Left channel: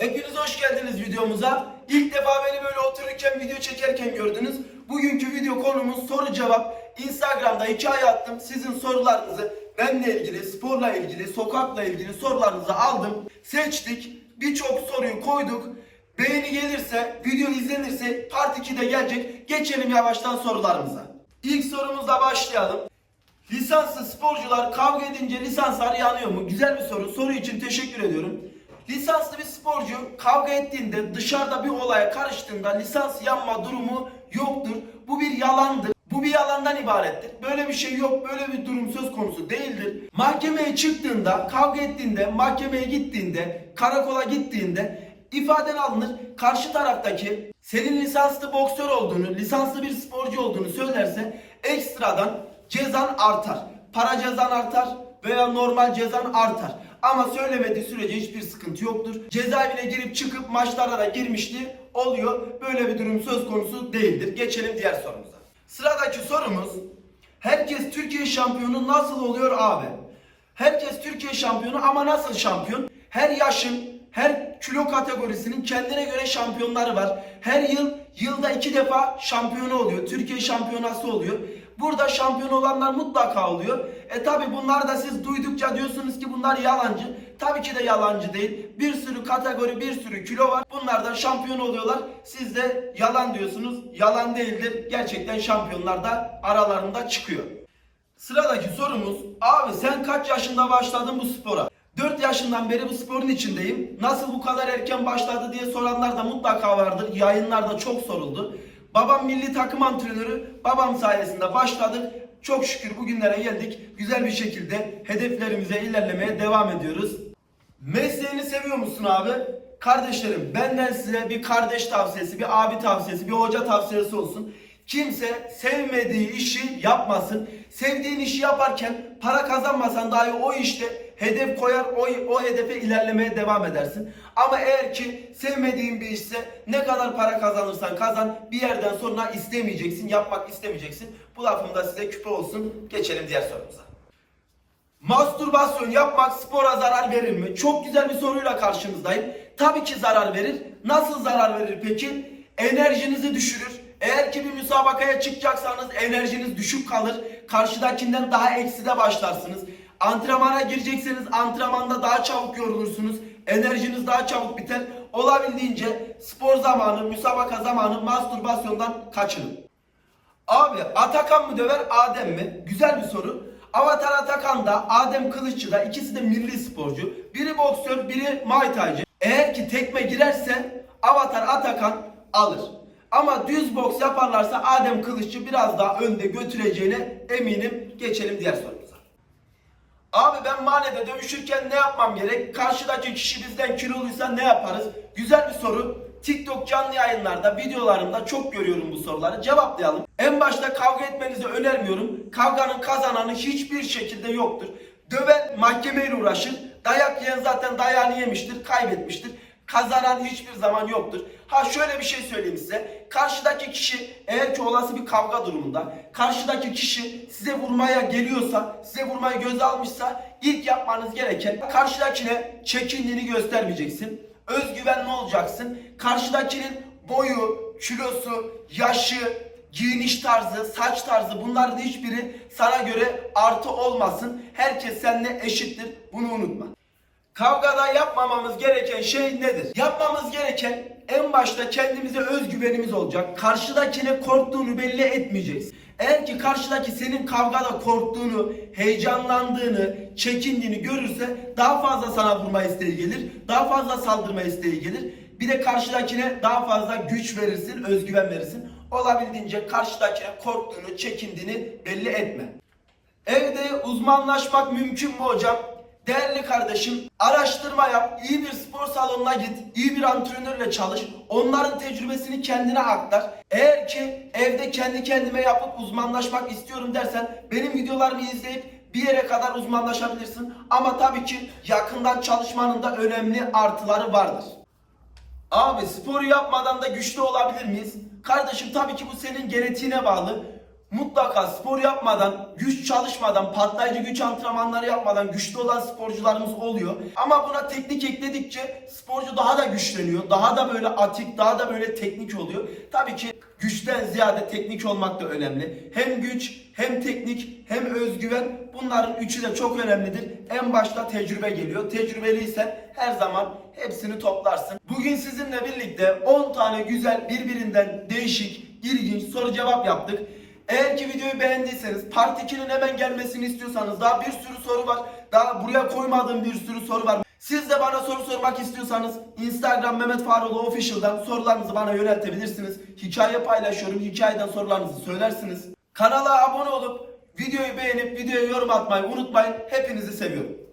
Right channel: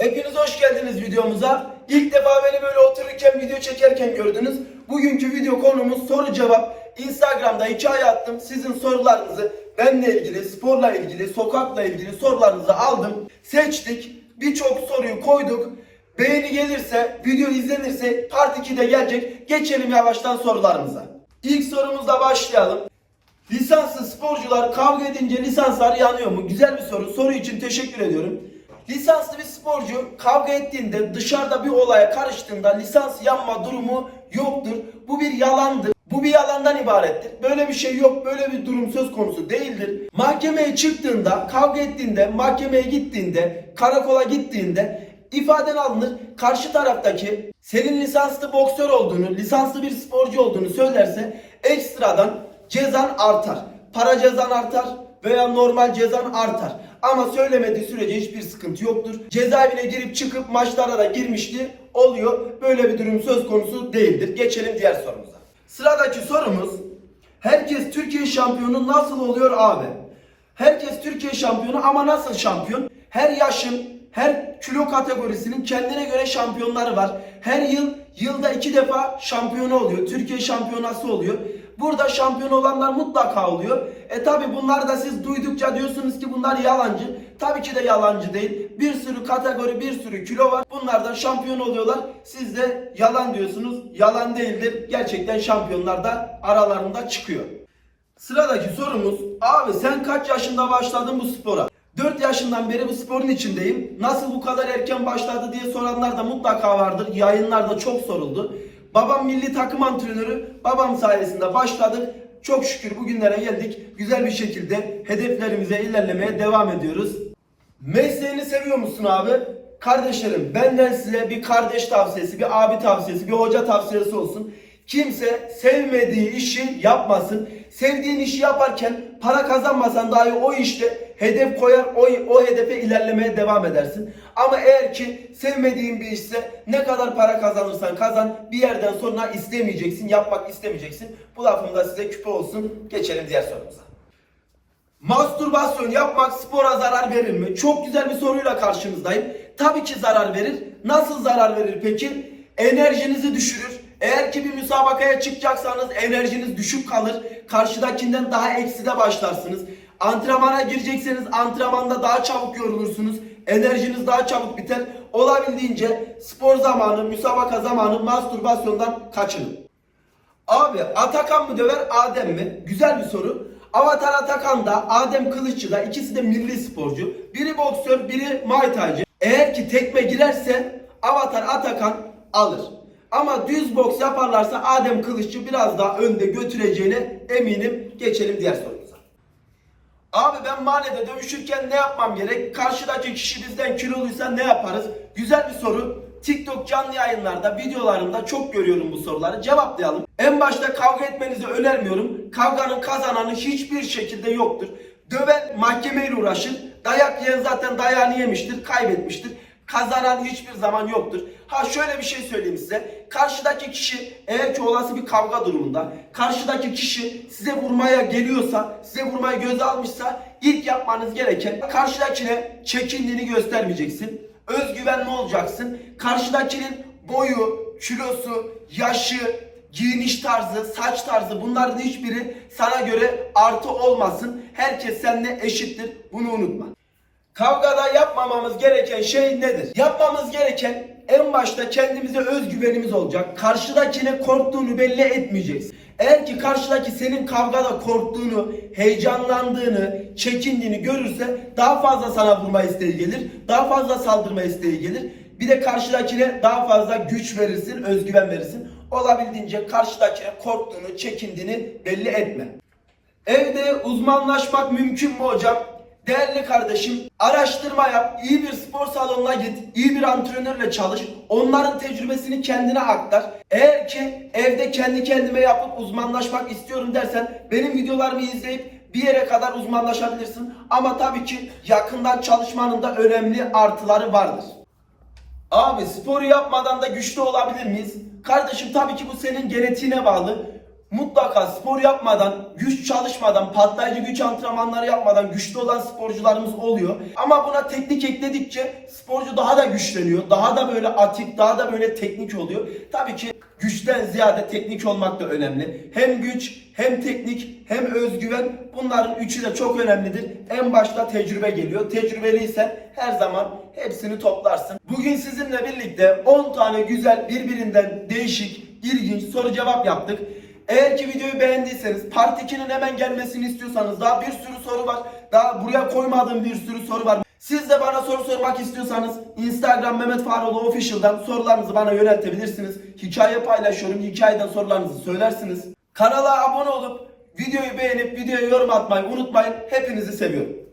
Hepiniz hoş geldiniz videomuza. İlk defa beni böyle otururken video çekerken gördünüz. Bugünkü video konumuz soru cevap. Instagram'da hikaye attım. Sizin sorularınızı benle ilgili, sporla ilgili, sokakla ilgili sorularınızı aldım. Seçtik. Birçok soruyu koyduk. Beğeni gelirse, video izlenirse part 2'de gelecek. Geçelim yavaştan sorularımıza. İlk sorumuzla başlayalım. Lisanslı sporcular kavga edince lisanslar yanıyor mu? Güzel bir soru. Soru için teşekkür ediyorum. Lisanslı bir sporcu kavga ettiğinde dışarıda bir olaya karıştığında lisans yanma durumu yoktur. Bu bir yalandır. Bu bir yalandan ibarettir. Böyle bir şey yok. Böyle bir durum söz konusu değildir. Mahkemeye çıktığında, kavga ettiğinde, mahkemeye gittiğinde, karakola gittiğinde ifaden alınır. Karşı taraftaki senin lisanslı boksör olduğunu, lisanslı bir sporcu olduğunu söylerse ekstradan cezan artar. Para cezan artar veya normal cezan artar. Ama söylemediği sürece hiçbir sıkıntı yoktur. Cezaevine girip çıkıp maçlara da girmişti. Oluyor. Böyle bir durum söz konusu değildir. Geçelim diğer sorumuza. Sıradaki sorumuz Herkes Türkiye şampiyonu nasıl oluyor abi? Herkes Türkiye şampiyonu ama nasıl şampiyon? Her yaşın, her kilo kategorisinin kendine göre şampiyonları var. Her yıl yılda iki defa şampiyonu oluyor. Türkiye şampiyonası oluyor. Burada şampiyon olanlar mutlaka oluyor. E tabi bunlar da siz duydukça diyorsunuz ki bunlar yalancı. Tabii ki de yalancı değil. Bir sürü kategori, bir sürü kilo var. Bunlardan şampiyon oluyorlar. Siz de yalan diyorsunuz. Yalan değildir. Gerçekten şampiyonlar da aralarında çıkıyor. Sıradaki sorumuz abi sen kaç yaşında başladın bu spora? 4 yaşından beri bu sporun içindeyim. Nasıl bu kadar erken başladı diye soranlar da mutlaka vardır. Yayınlarda çok soruldu. Babam milli takım antrenörü. Babam sayesinde başladık. Çok şükür bugünlere geldik. Güzel bir şekilde hedeflerimize ilerlemeye devam ediyoruz. Mesleğini seviyor musun abi? Kardeşlerim benden size bir kardeş tavsiyesi, bir abi tavsiyesi, bir hoca tavsiyesi olsun. Kimse sevmediği işi yapmasın. Sevdiğin işi yaparken para kazanmasan dahi o işte hedef koyar, o, o hedefe ilerlemeye devam edersin. Ama eğer ki sevmediğin bir işse ne kadar para kazanırsan kazan bir yerden sonra istemeyeceksin, yapmak istemeyeceksin. Bu lafım da size küpe olsun. Geçelim diğer sorumuza. Mastürbasyon yapmak spora zarar verir mi? Çok güzel bir soruyla karşınızdayım. Tabii ki zarar verir. Nasıl zarar verir peki? Enerjinizi düşürür. Eğer ki bir müsabakaya çıkacaksanız enerjiniz düşük kalır. Karşıdakinden daha ekside başlarsınız. Antrenmana girecekseniz antrenmanda daha çabuk yorulursunuz. Enerjiniz daha çabuk biter. Olabildiğince spor zamanı, müsabaka zamanı mastürbasyondan kaçının. Abi Atakan mı döver Adem mi? Güzel bir soru. Avatar Atakan da Adem Kılıççı da ikisi de milli sporcu. Biri boksör, biri Muay. Eğer ki tekme girerse Avatar Atakan alır. Ama düz boks yaparlarsa Adem Kılıççı biraz daha önde götüreceğine eminim. Geçelim diğer sorumuza. Abi ben mahallede dövüşürken ne yapmam gerek? Karşıdaki kişi bizden kiloluysa ne yaparız? Güzel bir soru. TikTok canlı yayınlarda, videolarımda çok görüyorum bu soruları. Cevaplayalım. En başta kavga etmenizi önermiyorum. Kavganın kazananı hiçbir şekilde yoktur. Döven mahkemeyle uğraşır. Dayak yiyen zaten dayağını yemiştir, kaybetmiştir. Kazanan hiçbir zaman yoktur. Ha şöyle bir şey söyleyeyim size. Karşıdaki kişi eğer ki olası bir kavga durumunda karşıdaki kişi size vurmaya geliyorsa, size vurmayı göze almışsa ilk yapmanız gereken karşıdakine çekindiğini göstermeyeceksin. Özgüvenli olacaksın. Karşıdakinin boyu, kilosu, yaşı, giyiniş tarzı, saç tarzı bunların hiçbiri sana göre artı olmasın. Herkes seninle eşittir. Bunu unutma. Kavgada yapmamamız gereken şey nedir? Yapmamız gereken en başta kendimize özgüvenimiz olacak. Karşıdakine korktuğunu belli etmeyeceksin. Eğer ki karşıdaki senin kavgada korktuğunu, heyecanlandığını, çekindiğini görürse daha fazla sana vurma isteği gelir. Daha fazla saldırma isteği gelir. Bir de karşıdakine daha fazla güç verirsin, özgüven verirsin. Olabildiğince karşıdakine korktuğunu, çekindiğini belli etme. Evde uzmanlaşmak mümkün mü hocam? Değerli kardeşim araştırma yap, iyi bir spor salonuna git, iyi bir antrenörle çalış, onların tecrübesini kendine aktar. Eğer ki evde kendi kendime yapıp uzmanlaşmak istiyorum dersen benim videolarımı izleyip bir yere kadar uzmanlaşabilirsin. Ama tabii ki yakından çalışmanın da önemli artıları vardır. Abi sporu yapmadan da güçlü olabilir miyiz? Kardeşim tabii ki bu senin genetiğine bağlı. Mutlaka spor yapmadan, güç çalışmadan, patlayıcı güç antrenmanları yapmadan güçlü olan sporcularımız oluyor. Ama buna teknik ekledikçe sporcu daha da güçleniyor. Daha da böyle atik, daha da böyle teknik oluyor. Tabii ki güçten ziyade teknik olmak da önemli. Hem güç, hem teknik, hem özgüven bunların üçü de çok önemlidir. En başta tecrübe geliyor. Tecrübeliysen her zaman hepsini toplarsın. Bugün sizinle birlikte 10 tane güzel birbirinden değişik, ilginç soru cevap yaptık. Eğer ki videoyu beğendiyseniz Part 2'nin hemen gelmesini istiyorsanız daha bir sürü soru var. Daha buraya koymadığım bir sürü soru var. Siz de bana soru sormak istiyorsanız Instagram Mehmet Faroğlu Official'dan sorularınızı bana yöneltebilirsiniz. Hikaye paylaşıyorum. Hikayeden sorularınızı söylersiniz. Kanala abone olup videoyu beğenip videoya yorum atmayı unutmayın. Hepinizi seviyorum.